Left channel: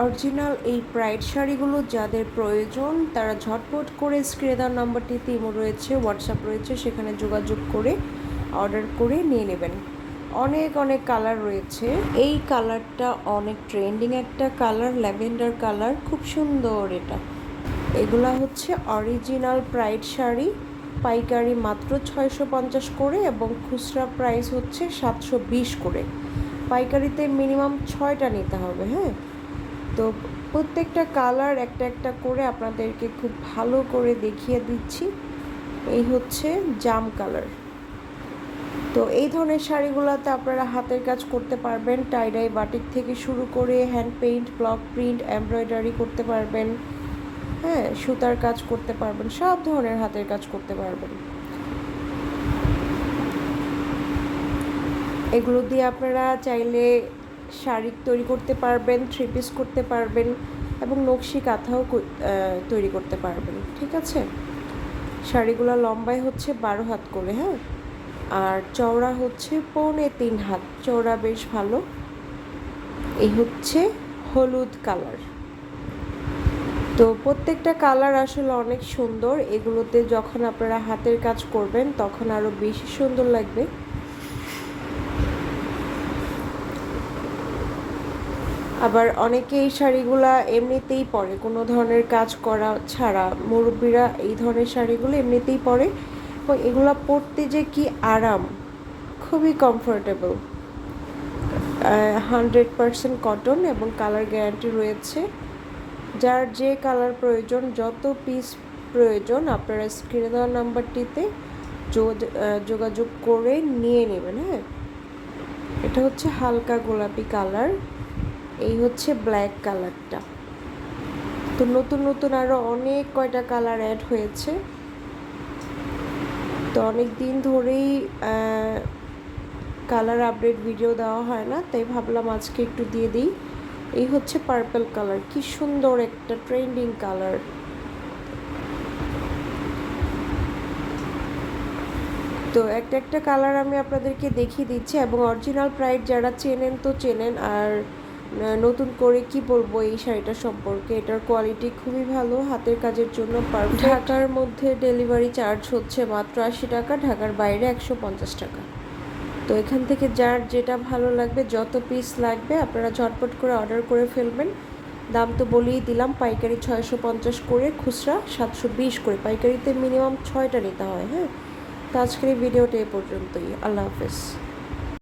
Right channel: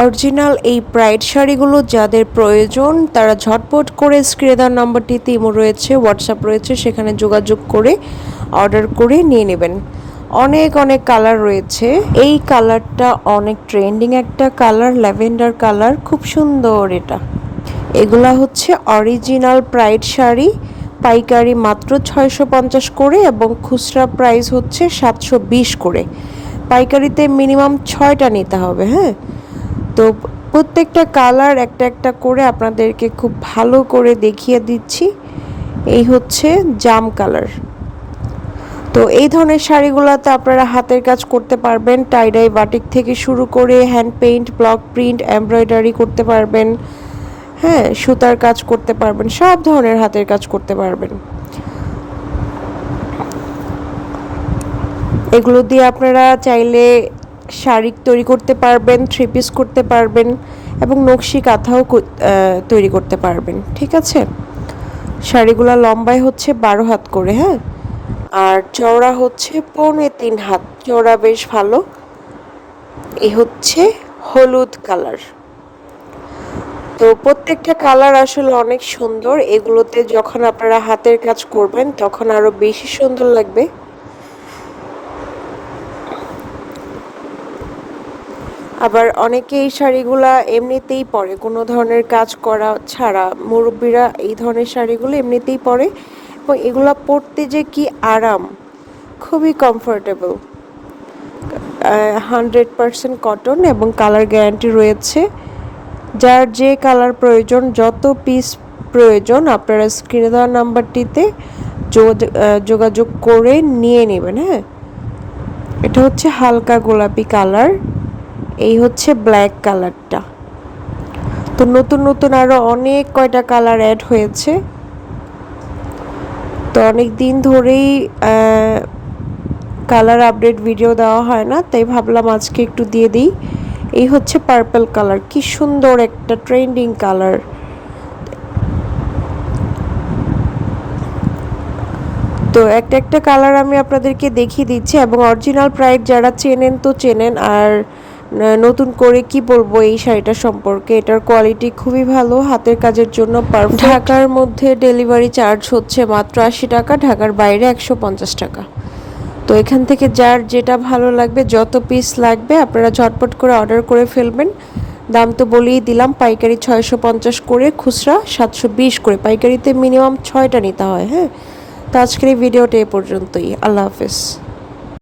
Original এই pride শাড়িগুলো যাদের প্রয়োজন তারা ঝটপট করে স্ক্রিনে দেওয়া নাম্বারটিতে ইমো রয়েছে, হোয়াটসঅ্যাপ রয়েছে, সেখানে যোগাযোগ করে অর্ডার করে নিয়ে নেবেন। অনেক অনেক কালার রয়েছে। এই কালারটা অনেক ট্রেন্ডিং একটা কালার, ল্যাভেন্ডার কালার, খুব সুন্দর এটা। এগুলা হচ্ছে অরিজিনাল প্রাইড শাড়ি, পাইকারি মাত্র 650 করে এবং খুচরা প্রাইস হচ্ছে 720 করে। পাইকারিতে মিনিমাম 6টা নিতে হবে। হ্যাঁ, তো প্রত্যেকটা কালার একটা একটা করে আপনাদেরকে খুব ভালো করে দেখিয়ে দিচ্ছি। এই হচ্ছে জাম কালার। তো এই ধরনের শাড়িগুলোতে আপনারা হাতের কাজ করতে পারবেন, টাইডাই বাটিক থেকে শুরু করে hand paint, block print, embroidery করতে পারবেন। হ্যাঁ, সুতার কাজ করতে পারবেন, সব ধরনের হাতের কাজ করতে পারবেন। এগুলো দিয়ে আপনারা চাইলে শাড়ি তৈরি করতে পারবেন, থ্রি পিস করতে পারবেন এবং নকশি কাঁথাও তৈরি করতে পারবেন। ঠিক আছে, শাড়িগুলো লম্বায় হচ্ছে 12 হাত করে। হ্যাঁ, আর চওড়া হচ্ছে 3.25 হাত, চওড়া বেশ ভালো। এই হচ্ছে হলুদ কালার। তো প্রত্যেকটা কালার আসলে অনেক সুন্দর। এগুলোতে যখন আপনারা হাতের কাজ করবেন তখন আরো বেশি সুন্দর লাগবে। আবার অনেকে এই শাড়িগুলা এমনিতেই পরে, কোনো ধরনের কাজ করা ছাড়া। মুরব্বীরা এই ধরনের শাড়িগুলো এমনিতেই পরে এবং এগুলা পরতে যে কি আরাম, খুবই কমফোর্টেবল। 100% কটন এবং কালার গ্যারান্টি রয়েছে। যার যে কালার প্রয়োজন, যত পিস প্রয়োজন আপনারা স্ক্রিনে দেওয়া নাম্বারটিতে যোগাযোগ করে নিয়ে নেবেন। হ্যাঁ, এটা হচ্ছে হালকা গোলাপি কালার। এই হচ্ছে ব্ল্যাক কালারটা। তো নতুন নতুন আরো অনেক কয়টা কালার অ্যাড হয়েছে। তো অনেক দিন ধরেই কালার আপডেট ভিডিও দেওয়া হয় না, তাই ভাবলাম আজকে একটু দিয়ে দিই। এই হচ্ছে পার্পল কালার, কি সুন্দর একটা ট্রেন্ডিং কালার। তো একটা একটা কালার আমি আপনাদেরকে দেখিয়ে দিচ্ছি এবং অরিজিনাল প্রাইড যারা চেনেন তো চেনেন, আর নতুন করে কি বলবো এই শাড়িটা সম্পর্কে। এটার কোয়ালিটি খুবই ভালো, হাতের কাজের জন্য পারফেক্ট। ঢাকার মধ্যে ডেলিভারি চার্জ হচ্ছে মাত্র 80 টাকা, ঢাকার বাইরে 150 টাকা। তো এখান থেকে যার যেটা ভালো লাগবে, যত পিস লাগবে আপনারা ঝটপট করে অর্ডার করে ফেলবেন। দাম তো বলেই দিলাম, পাইকারি 650 করে, খুচরা 720 করে। পাইকারিতে মিনিমাম 6টা নিতে হয়। হ্যাঁ, তো আজকের এই ভিডিওটা এ পর্যন্তই। আল্লাহ হাফেজ।